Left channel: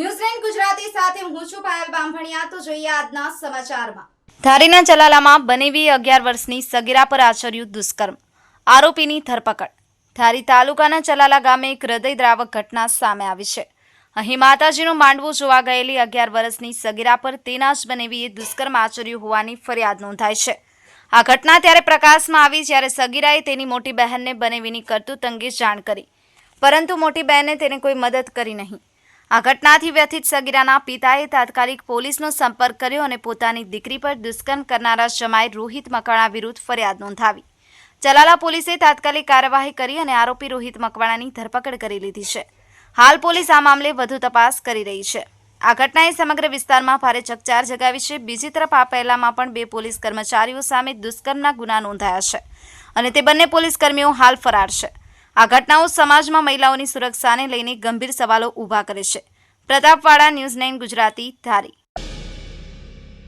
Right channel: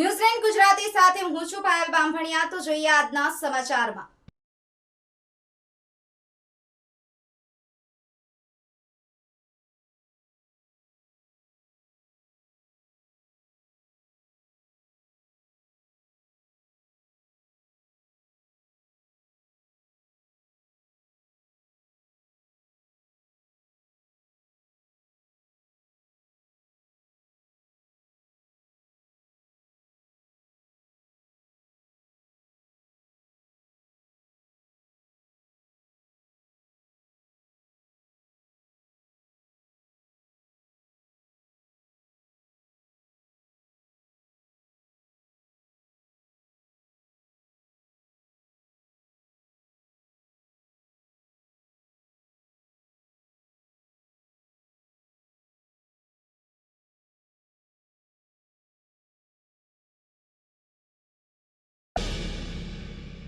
ન્યૂઝલેન્ડ ગુજરાતી સાથે હું છું પાયલ બામભણિયા તો જોઈએ આજના સમાચારમાં. ધારીના ચલાલામાં બનેવી અગિયાર વર્ષની સગીરા પર આચર્યું દુષ્કર્મ. આરોપીની ધરપકડ. ધારી તાલુકાના ચલાલા ગામે એક હૃદયદ્રાવક ઘટના સામે આવી છે. અહીં માતાજીનું માંડવું જોવા ગયેલી અગિયાર વર્ષની સગીરા પર તેના જ બનેવીએ દુષ્કર્મ આચર્યું હોવાની ફરિયાદ નોંધાઈ છે. આ ઘટના ત્યારે પ્રકાશમાં આવી જ્યારે સગીરાએ તેની મોટી બહેનને બનેવીની કરતૂત અંગે જાણ કરી. પરંતુ મોટી બહેને તેને કોઈ મદદ કરી નહીં. આ ઘટનાથી વ્યથિત સગીરાના પિતાએ તાત્કાલિક પોલીસનો સંપર્ક કર્યો અને પોતાની દીકરી પર દુષ્કર્મ કરનારા જમાઈ રોહિત મકવાણા વિરુદ્ધ ફરિયાદ નોંધાવી. ચલાલા પોલીસે તાત્કાલિક કાર્યવાહી કરી અને આરોપી રોહિત મકવાણાની ધરપકડ કરી લીધી છે. હાલ પોલીસ આ મામલે વધુ તપાસ કરી રહી છે. આ ઘટનાએ સમગ્ર વિસ્તારમાં ભારે ચકચાર જગાવી છે. બીજી તરફ આ પહેલામાં પણ બે પોલીસ કર્મચારીઓ સામે દુષ્કર્મના ગુના નોંધાયા છે અને તે બંને પોલીસ કર્મીઓ હાલ ફરાર છે. આ ઘટનાઓ સમાજમાં મહિલાઓની સુરક્ષાને લઈને ગંભીર સવાલો ઊભા કરે છે. Pratapwada news nine Gujarati Dhari.